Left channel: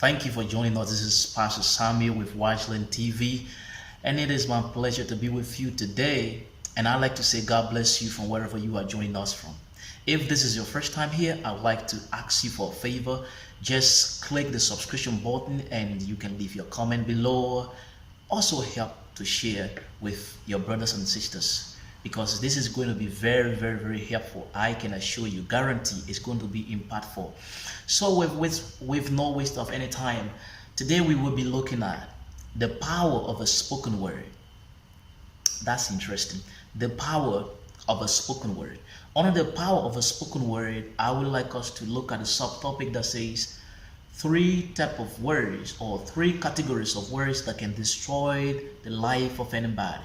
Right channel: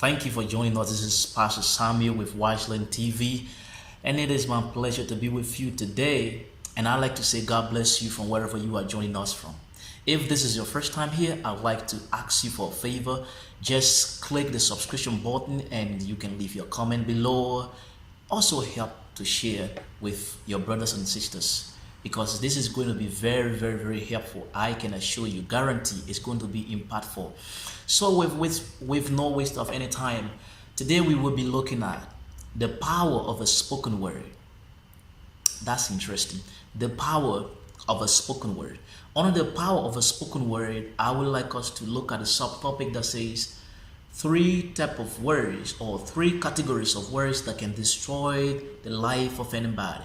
Thank you for joining us. This is Pastor Samuel with Watchland TV, and it is my pleasure to be with you today. And I'd like to say God bless you from wherever you are joining us from. If this is your first time here, I'd like to ask you for a favor. Just click the subscription button and you can leave your comment below. Also help to share with your brothers and sisters, because this is going to be very helpful. I can assure you, guarantee it's going to be impactful. So with no waste of any time, today we will be looking at the power of a spoken word. That's interesting. The power of a spoken word. Under the power of a spoken word, I would like us to look at a subtopic that says three types of words, or three categories of words that can destroy the life of anybody.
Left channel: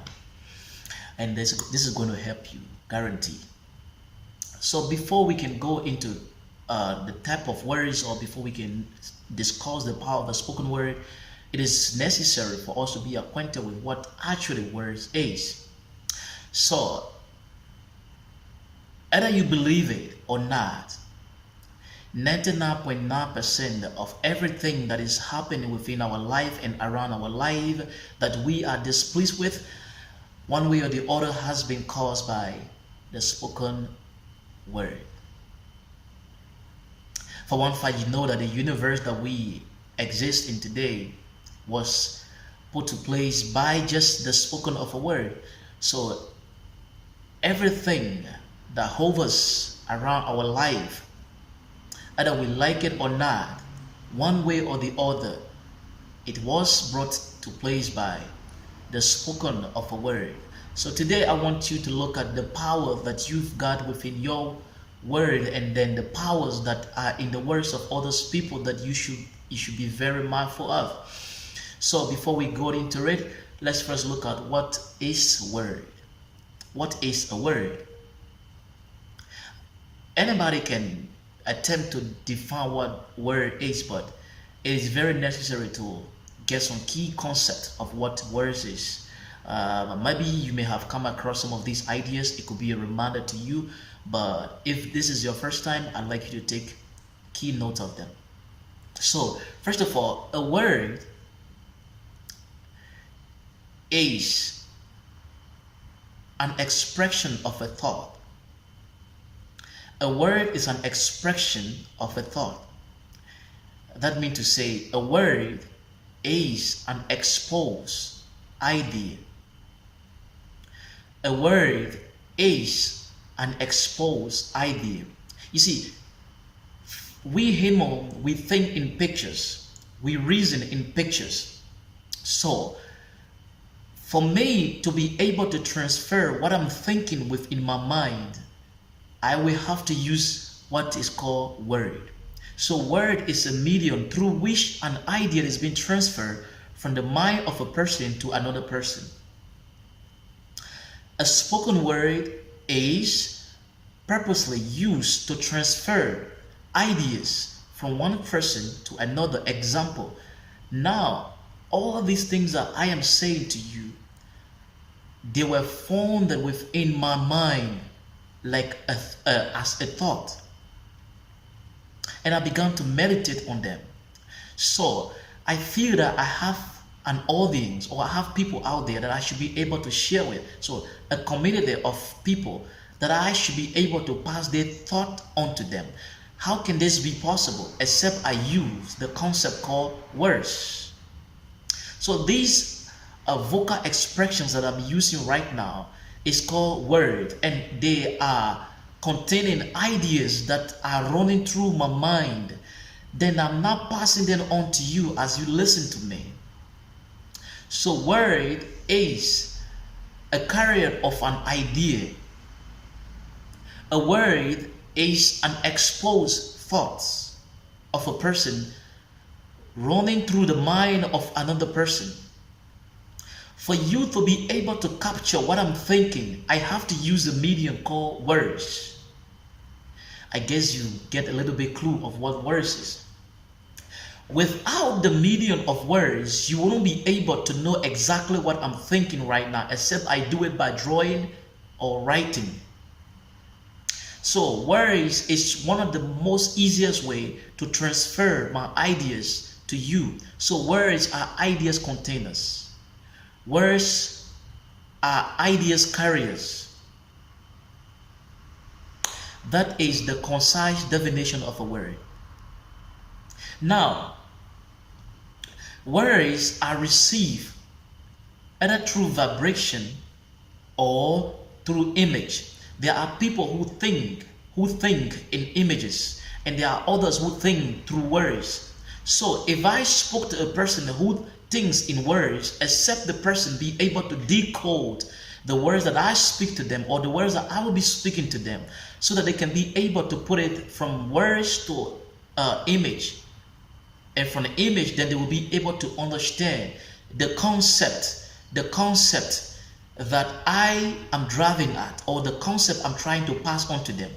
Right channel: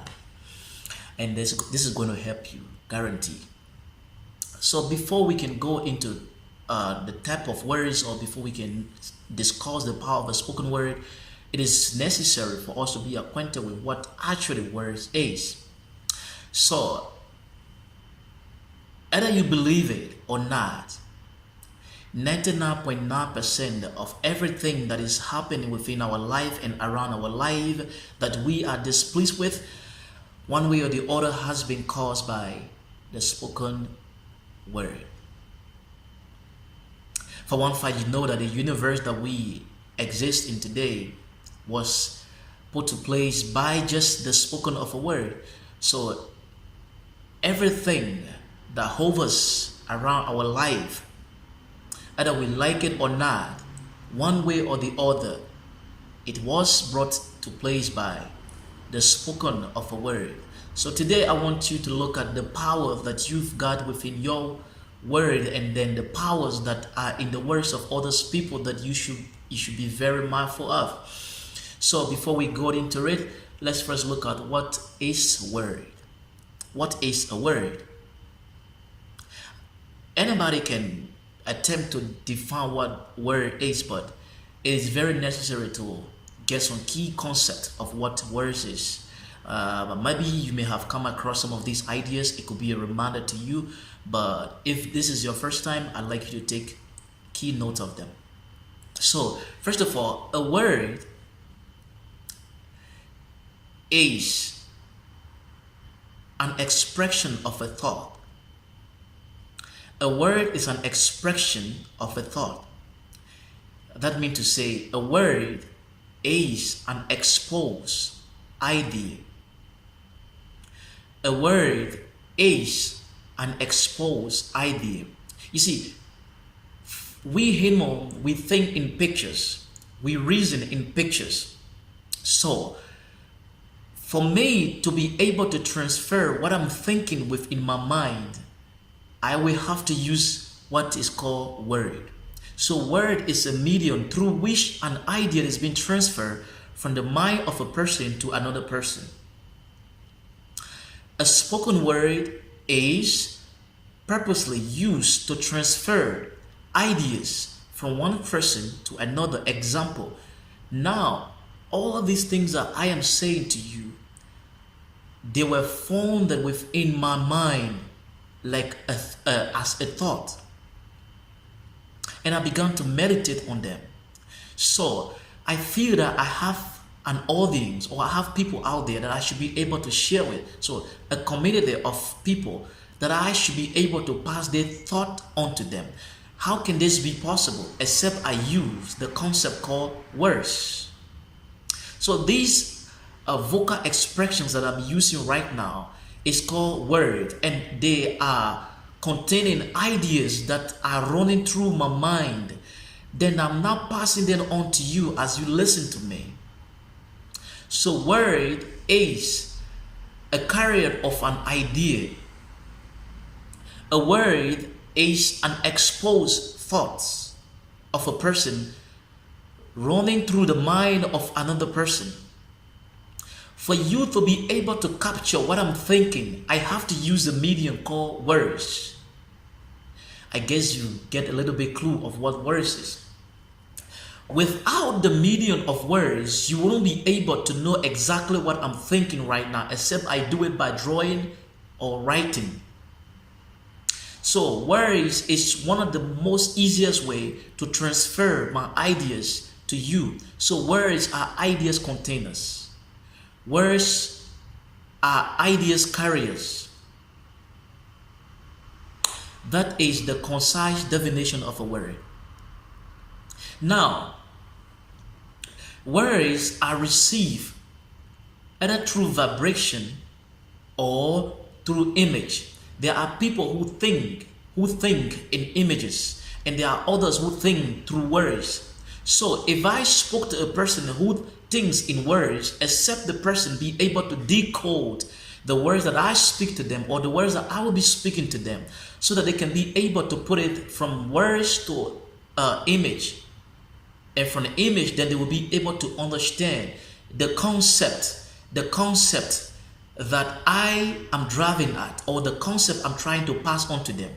And this is going to help you, guarantee. So before we can go into the type of words, or before we can discuss the power of a spoken word, it is necessary for us to be acquainted with what actually words is. So either you believe it or not, 99.9% of everything that is happening within our life and around our life that we are displeased with, one way or the other, has been caused by the spoken word. For one fact, you know that the universe that we exist in today was put to place by just the spoken of a word. So everything that hovers around our life, either we like it or not, one way or the other, it was brought to place by the spoken of a word. So today I want you to look at the power that you've got within your word, and then the powers that are in the words of others people that you should be very mindful of. So before we go into it, let's first look at what is word. What is a word? Anybody can attempt to define what word is, but it is very necessary to get some key concept of what words is. Maybe you may have come across some of these ideas. It could be a reminder to you, but if this is your first time, I'd like you to take key note of them. So first of all, a word is an expression of a thought. A word is an expression of a thought. That means to say, a word is an exposed idea. A word is an exposed idea. You see, we human, we think in pictures, we reason in pictures. So for me to be able to transfer what I'm thinking within my mind, I will have to use what is called word. So word is a medium through which an idea is being transferred from the mind of a person to another person. A spoken word is purposely used to transfer ideas from one person to another. Example, now all these things that I am saying to you, they were formed within my mind like as a thought, and I began to meditate on them. So I feel that I have an audience, or I have people out there that I should be able to share with. So a community of people that I should be able to pass their thought on to them. How can this be possible except I use the concept called words? So these vocal expressions that I'm using right now is called word, and they are containing ideas that are running through my mind. Then I'm not passing them on to you as you listen to me. So word is a carrier of an idea. A word is an exposed thoughts of a person running through the mind of another person. For you to be able to capture what I'm thinking, I have to use a medium called words. I guess you get a little bit clue of what words is. Without the medium of words, you wouldn't be able to know exactly what I'm thinking right now, except I do it by drawing or writing. So words is one of the most easiest way to transfer my ideas to you. So words are ideas containers. Words are ideas carriers. That is the concise definition of a word. Now, words are received either through vibration or through image. There are people who think in images, and there are others who think through words. So if I spoke to a person who thinks in words, except the person be able to decode the words that I speak to them, or the words that I will be speaking to them, so that they can be able to put it from words to image, and from the image then they will be able to understand the concept that I am driving at, or the concept I'm trying to pass on to them.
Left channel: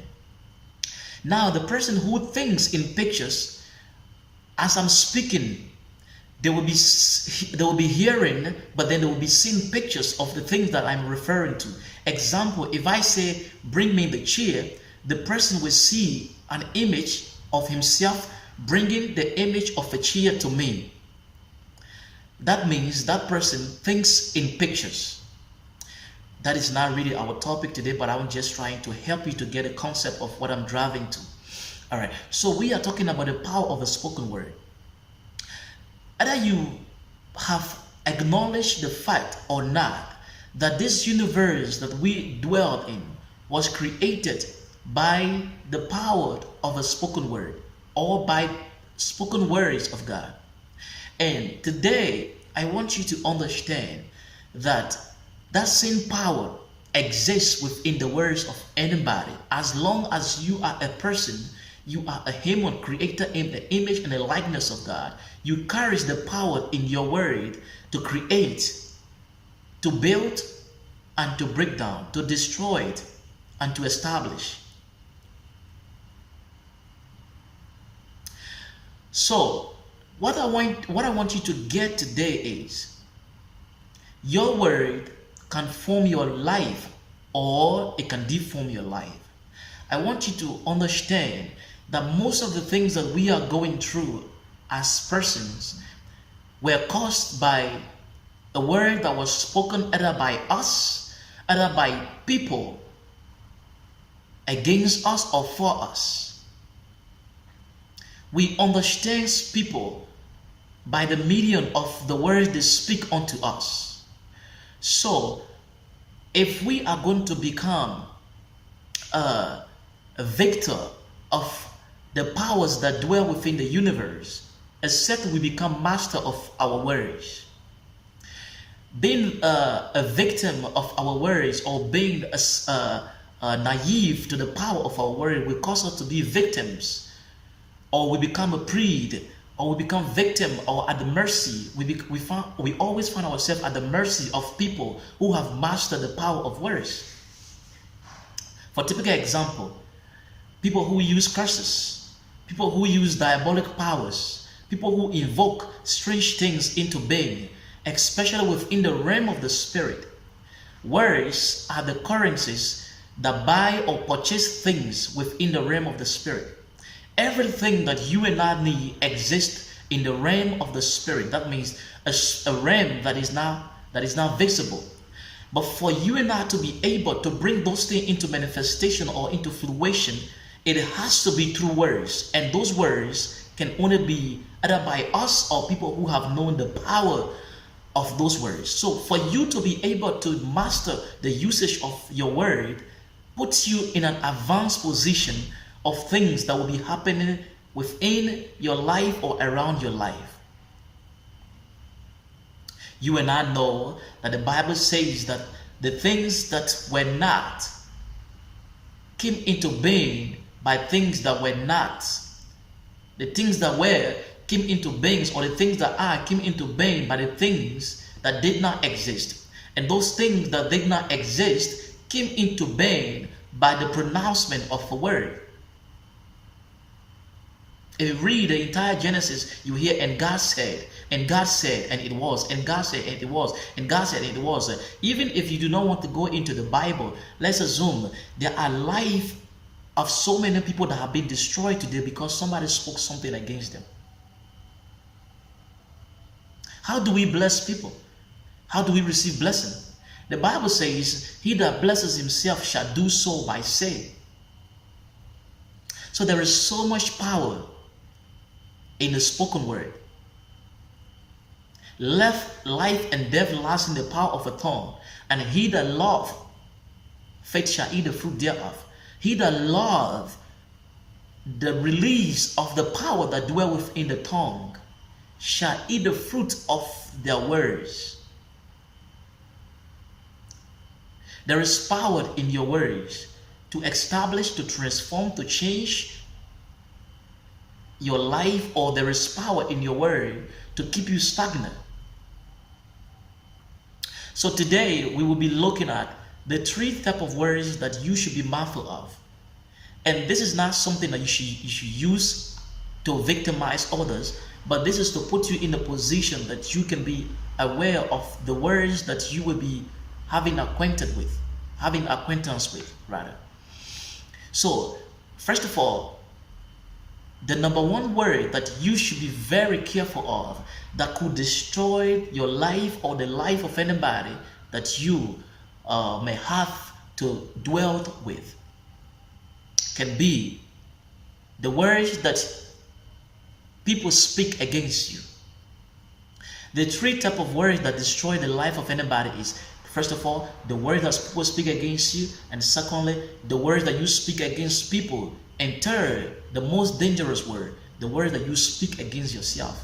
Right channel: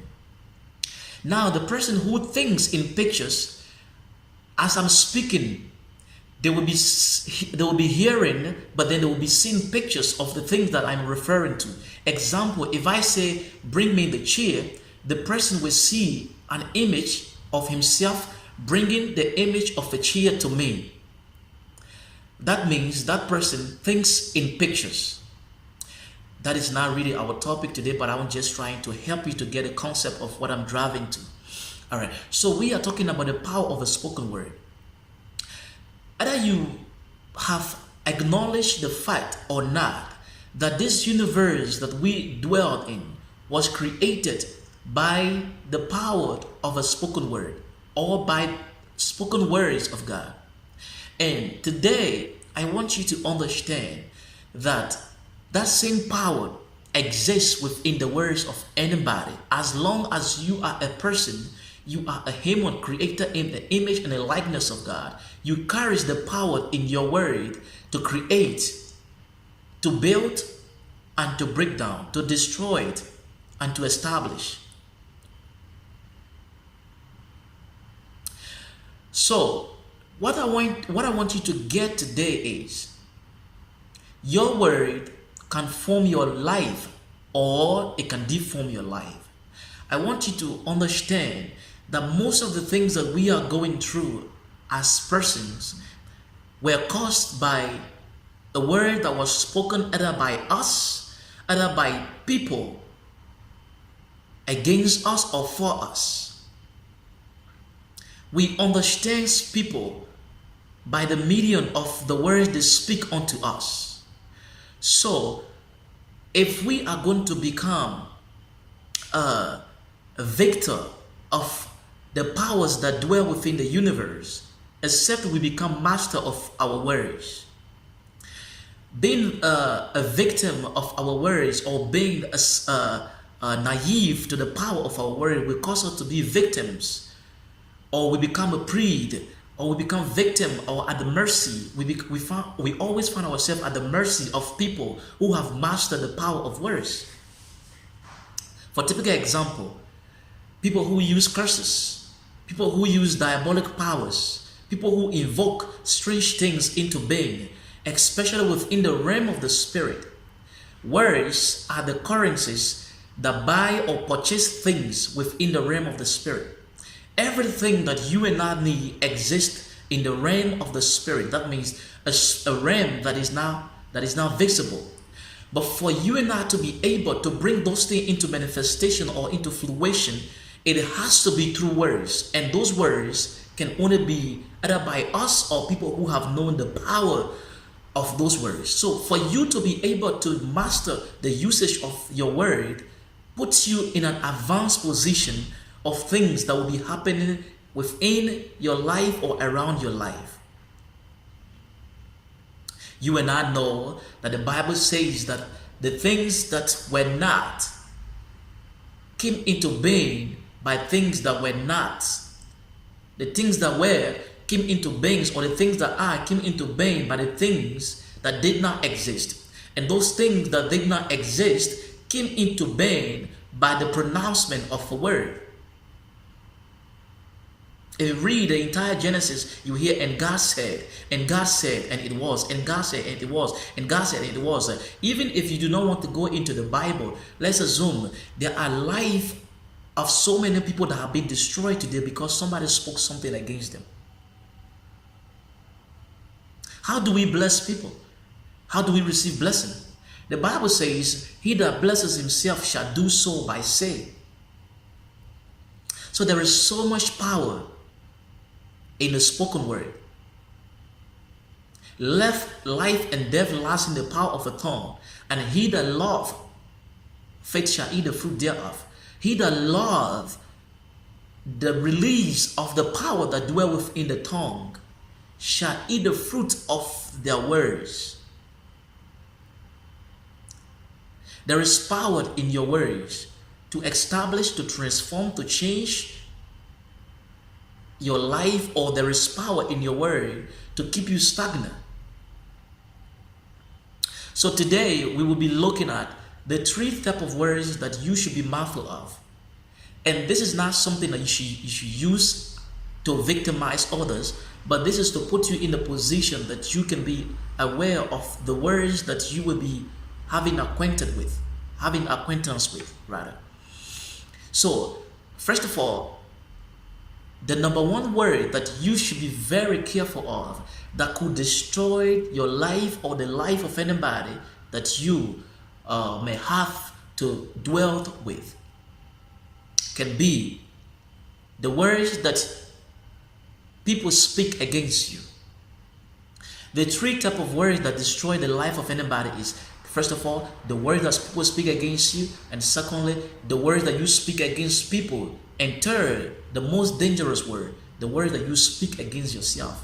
Now, the person who thinks in pictures, as I'm speaking, they will be hearing, but then they will be seeing pictures of the things that I'm referring to. Example, if I say, bring me the chair, the person will see an image of himself bringing the image of a chair to me. That means that person thinks in pictures. That is not really our topic today, but I'm just trying to help you to get a concept of what I'm driving to. All right, so we are talking about the power of a spoken word. Either you have acknowledged the fact or not that this universe that we dwell in was created by the power of a spoken word, or by spoken words of God. And today, I want you to understand that that same power exists within the words of anybody. As long as you are a person, you are a human created in the image and the likeness of God. You carry the power in your word to create, to build, and to break down, to destroy it, and to establish. So, what I want you to get today is, your word can form your life, or it can deform your life. I want you to understand that most of the things that we are going through as persons were caused by a word that was spoken either by us, either by people against us or for us. We understand people by the medium of the words they speak unto us. So, if we are going to become a victor of the powers that dwell within the universe, except we become master of our words. Being a victim of our words, or being naive to the power of our word, will cause us to be victims, or we become a prey, or we become victim, or at the mercy. We always find ourselves at the mercy of people who have mastered the power of words. For typical example, people who use curses, people who use diabolic powers, people who invoke strange things into being, especially within the realm of the spirit. Words are the currencies that buy or purchase things within the realm of the spirit. Everything that you and I need exists in the realm of the spirit. That means a realm that is now visible. But for you and I to be able to bring those things into manifestation or into fruition, it has to be through words. And those words can only be either by us or people who have known the power of those words. So for you to be able to master the usage of your word puts you in an advanced position of things that will be happening within your life or around your life. You and I know that the Bible says that the things that were not came into being by things that were not. The things that were came into being, or the things that are came into being by the things that did not exist. And those things that did not exist came into being by the pronouncement of a word. If you read the entire Genesis, you hear, and God said, and God said, and it was, and God said, and it was, and God said, and it was. Even if you do not want to go into the Bible, let's assume there are life of so many people that have been destroyed today because somebody spoke something against them. How do we bless people? How do we receive blessing? The Bible says, he that blesses himself shall do so by saying. So there is so much power in the spoken word. Life and death lies in the power of a tongue, and he that loveth faith shall eat the fruit thereof. He that loveth the release of the power that dwell within the tongue shall eat the fruit of their words. There is power in your words to establish, to transform, to change your life, or there is power in your word to keep you stagnant. So today we will be looking at the 3 types of words that you should be mindful of. And this is not something that you should use to victimize others, but this is to put you in a position that you can be aware of the words that you will be having acquaintance with. So, first of all, the number 1 word that you should be very careful of that could destroy your life or the life of anybody that you may have to dwell with can be the words that people speak against you. The 3 types of words that destroy the life of anybody is, first of all, the words that people speak against you, and secondly, the words that you speak against people, and third, the most dangerous word, the words that you speak against yourself.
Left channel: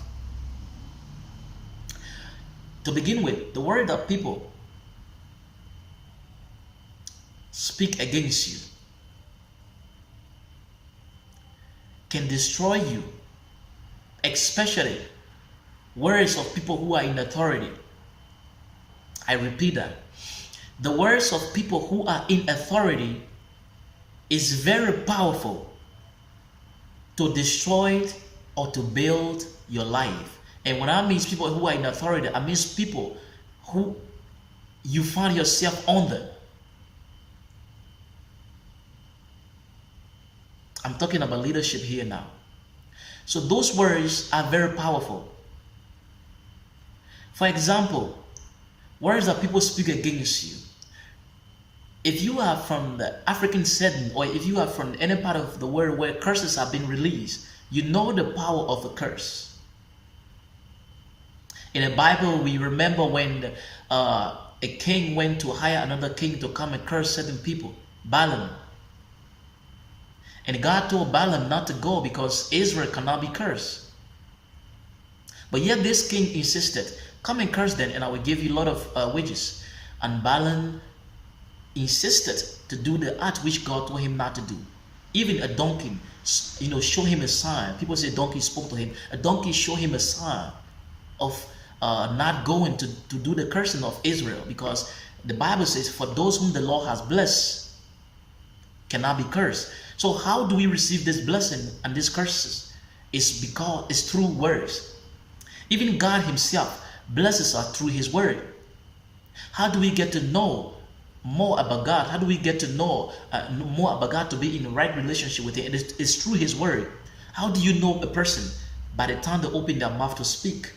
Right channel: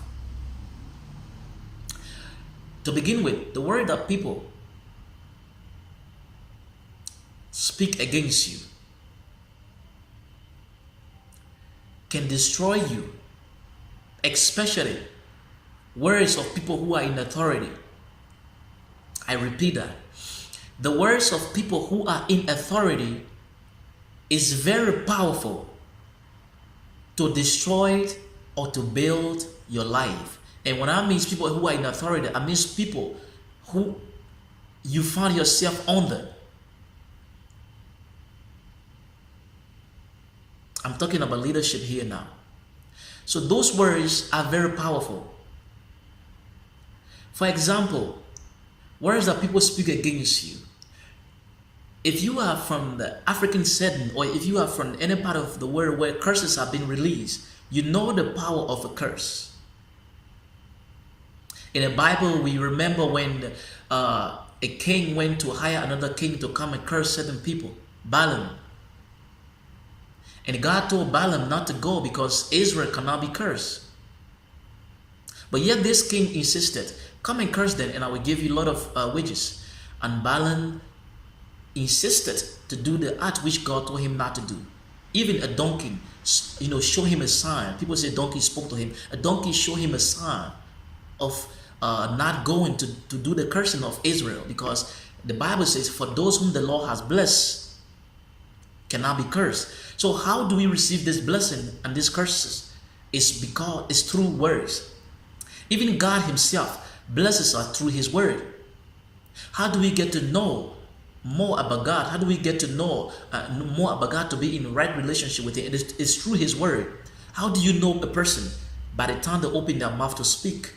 To begin with, the word that people speak against you can destroy you, especially words of people who are in authority. I repeat that. The words of people who are in authority is very powerful to destroy or to build your life. And when I mean people who are in authority, I mean people who you find yourself under. I'm talking about leadership here now. So those words are very powerful. For example, words that people speak against you. If you are from the African setting, or if you are from any part of the world where curses have been released, you know the power of a curse. In the Bible, we remember when a king went to hire another king to come and curse certain people, Balaam. And God told Balaam not to go because Israel cannot be cursed. But yet this king insisted, come and curse them and I will give you a lot of wages. And Balaam insisted to do the act which God told him not to do. Even a donkey, showed him a sign. People say a donkey spoke to him. A donkey showed him a sign of not going to do the cursing of Israel, because the Bible says, for those whom the Lord has blessed cannot be cursed. So how do we receive this blessing and these curses? It's through words. Even God himself blesses us through his word. How do we get to know more about God? How do we get to know more about God, to be in the right relationship with him? It's through his word. How do you know a person? By the time they open their mouth to speak.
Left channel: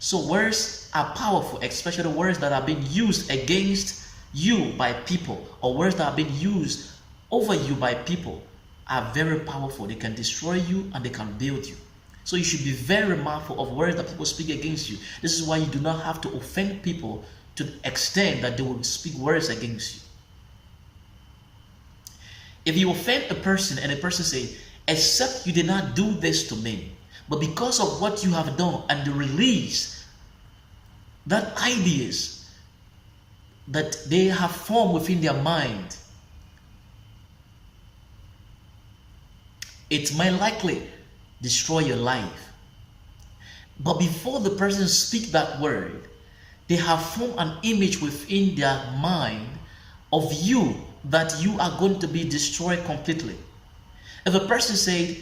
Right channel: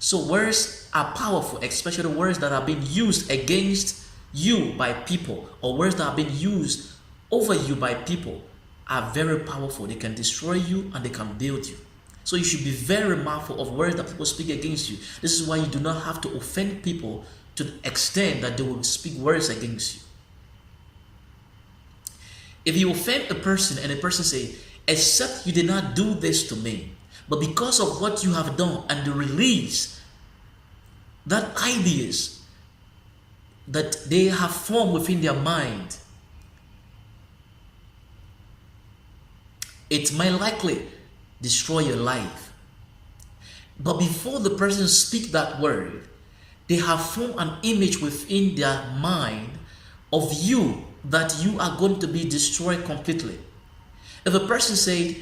So words are powerful, especially words that are being used against you by people, or words that are being used over you by people are very powerful. They can destroy you and they can build you. So you should be very mindful of words that people speak against you. This is why you do not have to offend people to the extent that they will speak words against you. If you offend a person and a person say, except you did not do this to me, but because of what you have done, and the release that ideas that they have formed within their mind, it might likely destroy your life. But before the person speaks that word, they have formed an image within their mind of you that you are going to be destroyed completely. If a person said,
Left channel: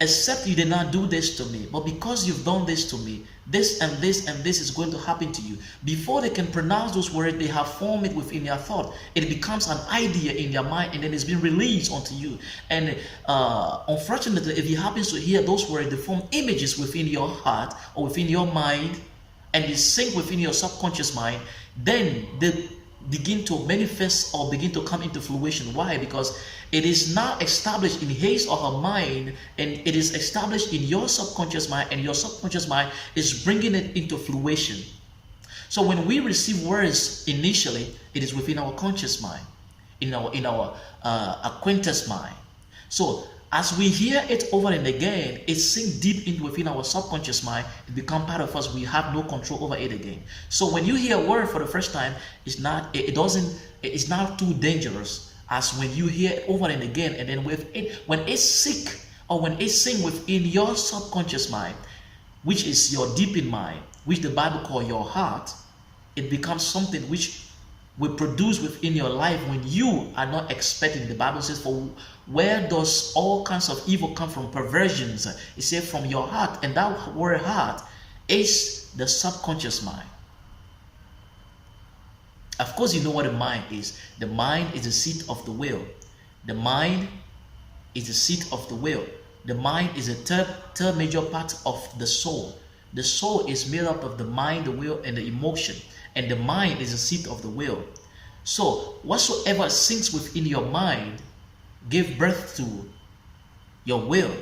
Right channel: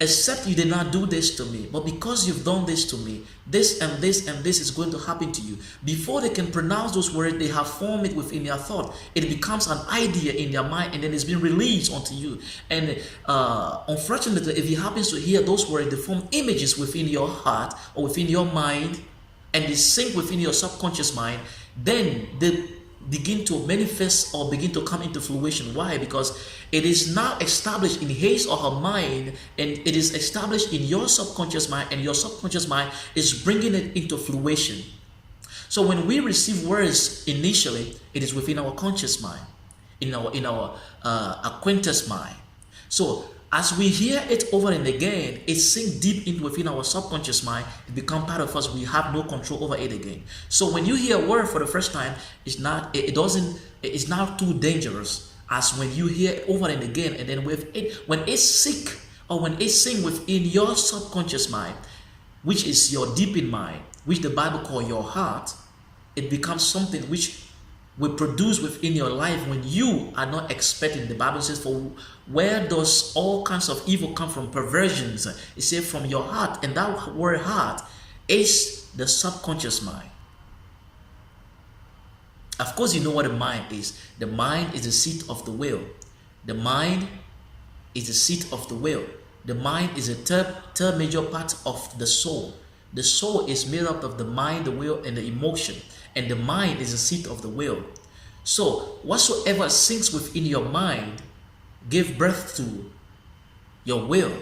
except you did not do this to me, but because you've done this to me, this and this and this is going to happen to you. Before they can pronounce those words, they have formed it within their thought. It becomes an idea in their mind, and then it's been released onto you. And unfortunately, if you happen to hear those words, they form images within your heart or within your mind, and they sink within your subconscious mind, then they begin to manifest or begin to come into fruition. Why? Because it is now established in his or her mind, and it is established in your subconscious mind, and your subconscious mind is bringing it into fruition. So when we receive words initially, it is within our conscious mind, in our acquaintance mind. So as we hear it over and again, it sinks deep in within our subconscious mind. It becomes part of us. We have no control over it again. So when you hear a word for the first time, it's not too dangerous as when you hear it over and again. And then with it, when it's sick or when it's sinks within your subconscious mind, which is your deep in mind, which the Bible calls your heart, it becomes something which will produce within your life when you are not expecting. The Bible says, for where does all kinds of evil come from? Perversions. It says from your heart, and that word heart is the subconscious mind. Of course, you know what the mind is. The mind is the seat of the will. The mind is the seat of the will. The mind is a third major part of the soul. The soul is made up of the mind, the will, and the emotion. And the mind is the seat of the will. So whatsoever sinks within your mind give birth to your will.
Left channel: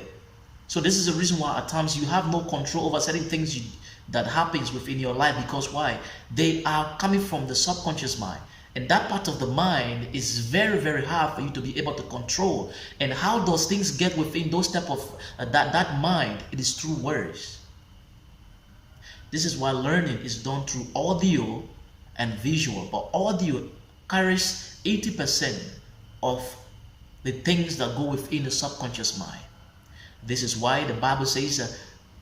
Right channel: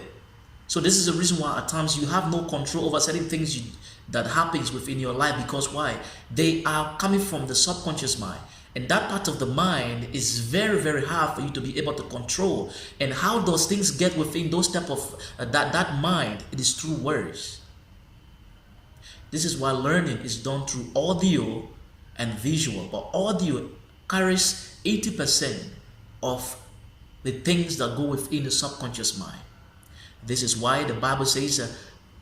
So this is the reason why at times you have no control over certain things that happens within your life. Because why? They are coming from the subconscious mind. And that part of the mind is very, very hard for you to be able to control. And how those things get within those type of that mind, it is through words. This is why learning is done through audio and visual. But audio carries 80% of the things that go within the subconscious mind. This is why the Bible says,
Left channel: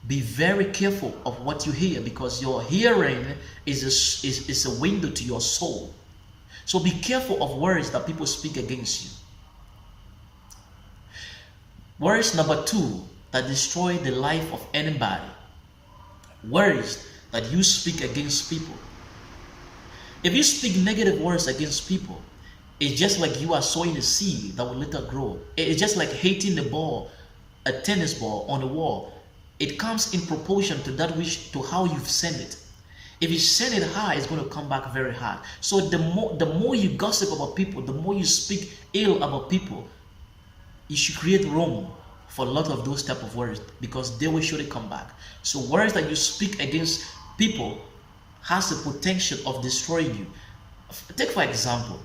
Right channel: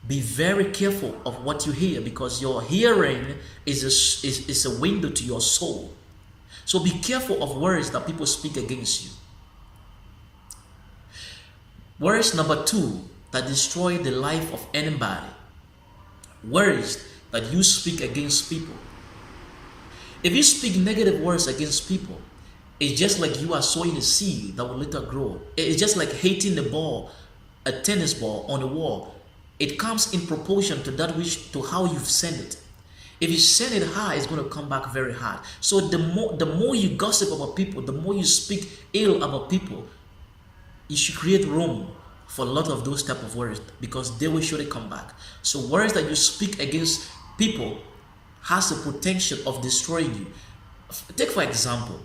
be very careful of what you hear, because your hearing is a window to your soul. So be careful of words that people speak against you. Words number 2 that destroy the life of anybody. Words that you speak against people. If you speak negative words against people, it's just like you are sowing a seed that will later grow. It's just like hitting the ball, a tennis ball on the wall. It comes in proportion to to how you've sent it. If you send it high, it's going to come back very hard. So the more you gossip about people, the more you speak ill about people, you should create room for a lot of those type of words, because they will surely come back. So words that you speak against people has the potential of destroying you. Take for example,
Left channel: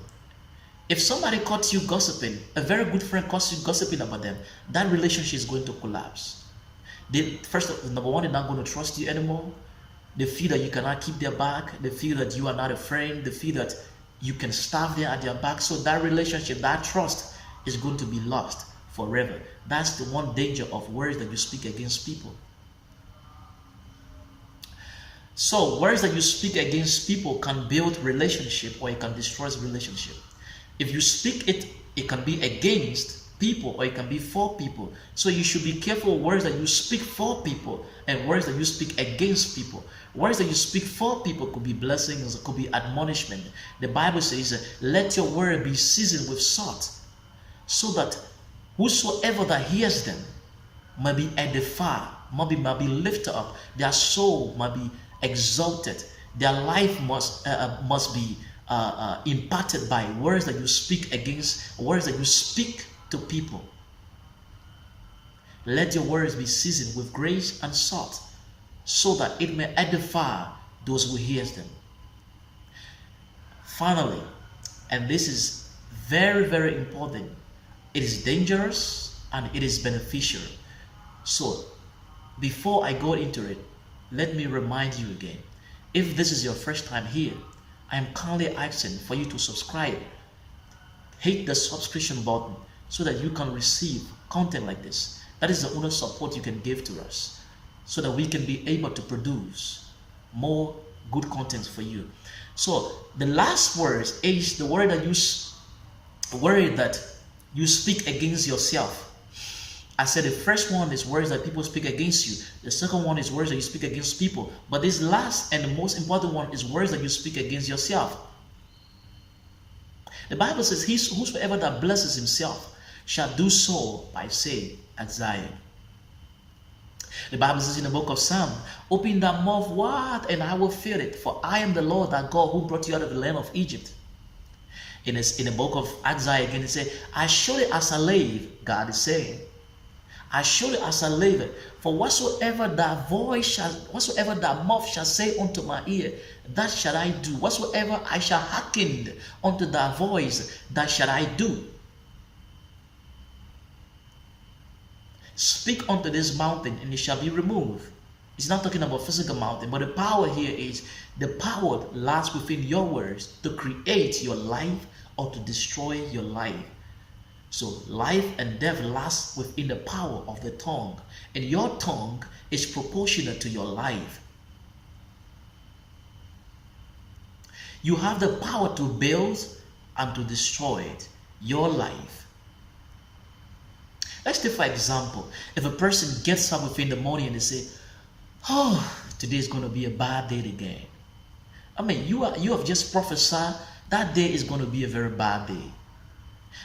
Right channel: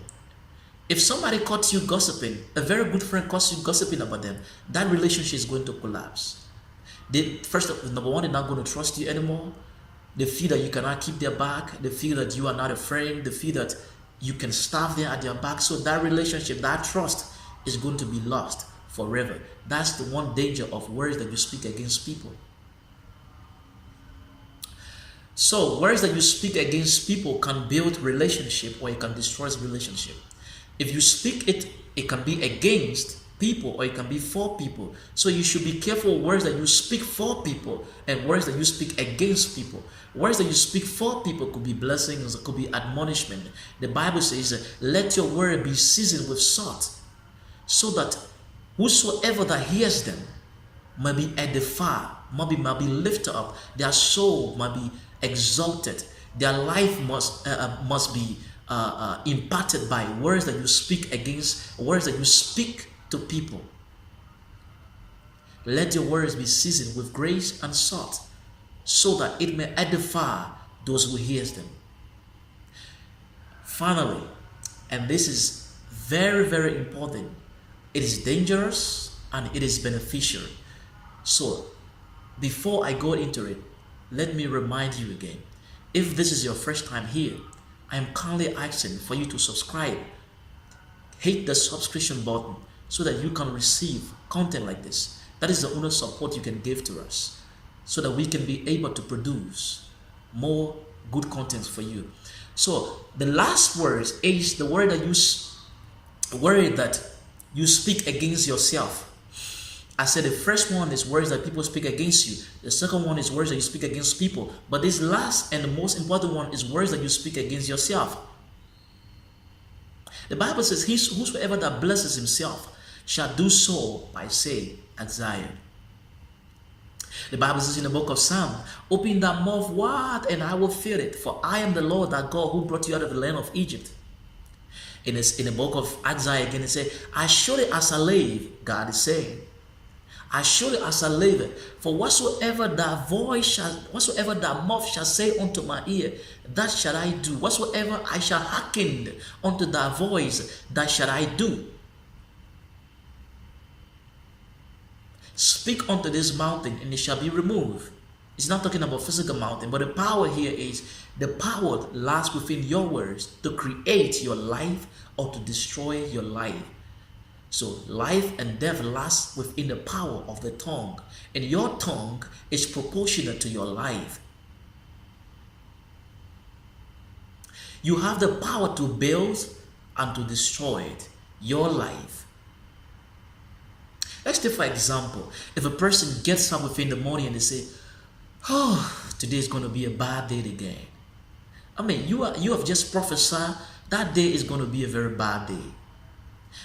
if somebody caught you gossiping, a very good friend caught you gossiping about them, that relationship is going to collapse. Number one, they're not going to trust you anymore. They feel that you cannot keep their back. They feel that you are not a friend. They feel that you can starve them at their back. So that relationship, that trust is going to be lost forever. That's the one danger of words that you speak against people. So words that you speak against people can build relationship, or it can destroy relationship. If you speak it, it can be against people, or it can be for people. So you should be careful of words that you speak for people and words that you speak against people. Words that you speak for people could be blessings, could be admonishment. The Bible says, let your word be seasoned with salt, so that whosoever that hears them might be edified, might be lifted up, their soul might be exalted, their life must be impacted by words that you speak against, words that you speak to people. Let your words be seasoned with grace and salt, so that it may edify those who hears them. Finally, and this is very, very important, it is dangerous and it is beneficial. So before I go into it, let me remind you again, if this is your first time here, I am kindly asking for you to subscribe. Hit the subscription button so that you can receive content like this. That is the only support you can give to us, so that we can be able to produce more good content for you. So the last word is the word that you speak against yourself. I said the first one is words that people speak against you. The second one is words that you speak against people. But this last and the most important one is words that you speak against yourself. The Bible says, whosoever that blesses himself shall do so by saying at Zion. The Bible says in the book of Psalm, open thy mouth wide and I will fill it, for I am the Lord thy God who brought you out of the land of Egypt. In the book of Isaiah again, it says, I surely as a slave, God is saying, I surely as a slave, for whatsoever thy mouth shall say unto my ear, that shall I do. Whatsoever I shall hearken unto thy voice, that shall I do. Speak unto this mountain, and it shall be removed. It's not talking about physical mountain, but the power here is the power lies within your words to create your life or to destroy your life. So life and death lies within the power of the tongue, and your tongue is proportionate to your life. You have the power to build and to destroy it, your life. Let's take for example, if a person gets up within the morning and they say, oh, today is going to be a bad day again. I mean, you have just prophesied that day is going to be a very bad day.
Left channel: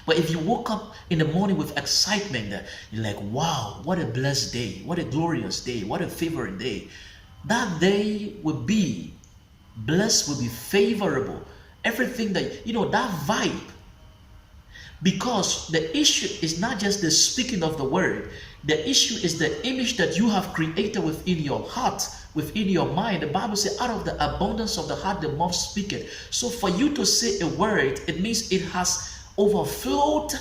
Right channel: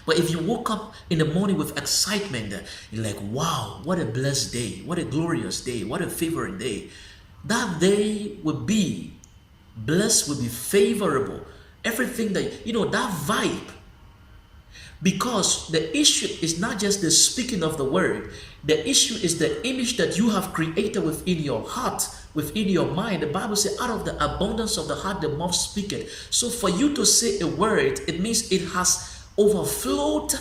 But if you woke up in the morning with excitement, you're like, wow, what a blessed day, what a glorious day, what a favorite day. That day will be blessed, will be favorable. Everything that, that vibe. Because the issue is not just the speaking of the word. The issue is the image that you have created within your heart, within your mind. The Bible says, out of the abundance of the heart, the mouth speaketh. So for you to say a word, it means it has overflowed,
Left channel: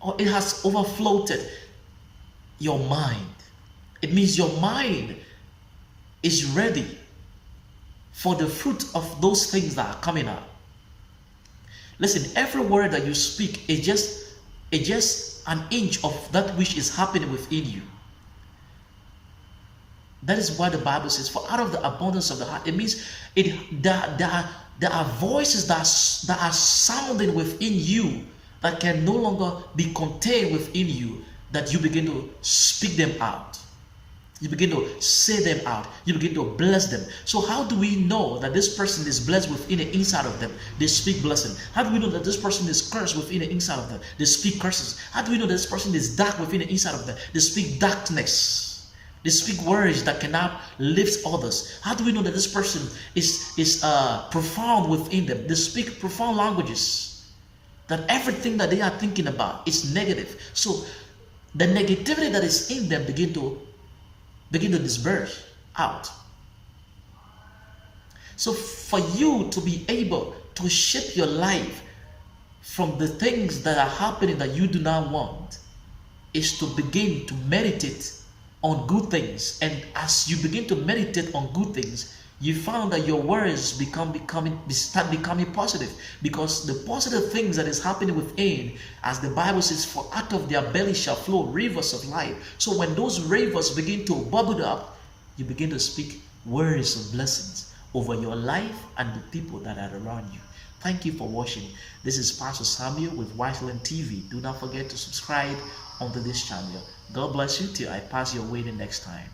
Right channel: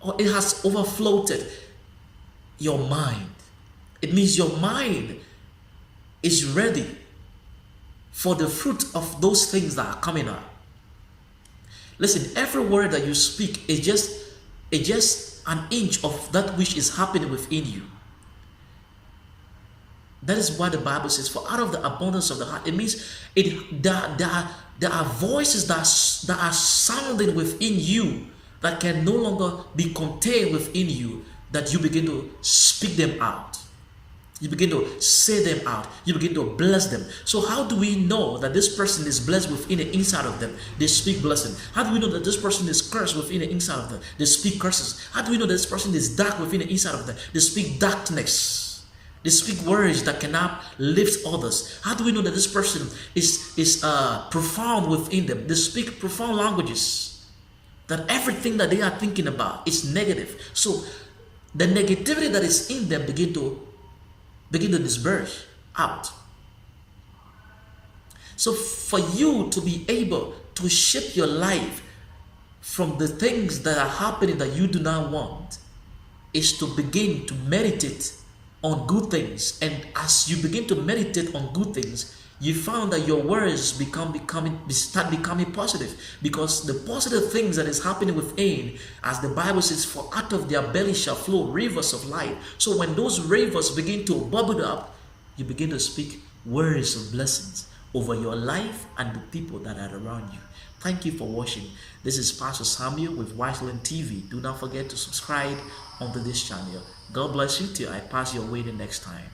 or it has overflowed your mind. It means your mind is ready for the fruit of those things that are coming out. Listen, every word that you speak is just an inch of that which is happening within you. That is why the Bible says, for out of the abundance of the heart, it means there are voices that are sounding within you that can no longer be contained within you, that you begin to speak them out. You begin to say them out. You begin to bless them. So how do we know that this person is blessed within the inside of them? They speak blessing. How do we know that this person is cursed within the inside of them? They speak curses. How do we know that this person is dark within the inside of them? They speak darkness. They speak words that cannot lift others. How do we know that this person is profound within them? They speak profound languages. That everything that they are thinking about is negative. So the negativity that is in them begin to disperse out. So for you to be able to shape your life from the things that are happening that you do not want is to begin to meditate on good things. And as you begin to meditate on good things, you found that your words start becoming positive, because the positive things that is happening within, as the Bible says, for out of their belly shall flow rivers of life. So when those rivers begin to bubble up, you begin to speak words of blessings over your life and the people that are around you. Thank you for watching. This is Pastor Samuel with Wiseland TV. Do not forget to subscribe onto this channel. God bless you till I pass your way the next time.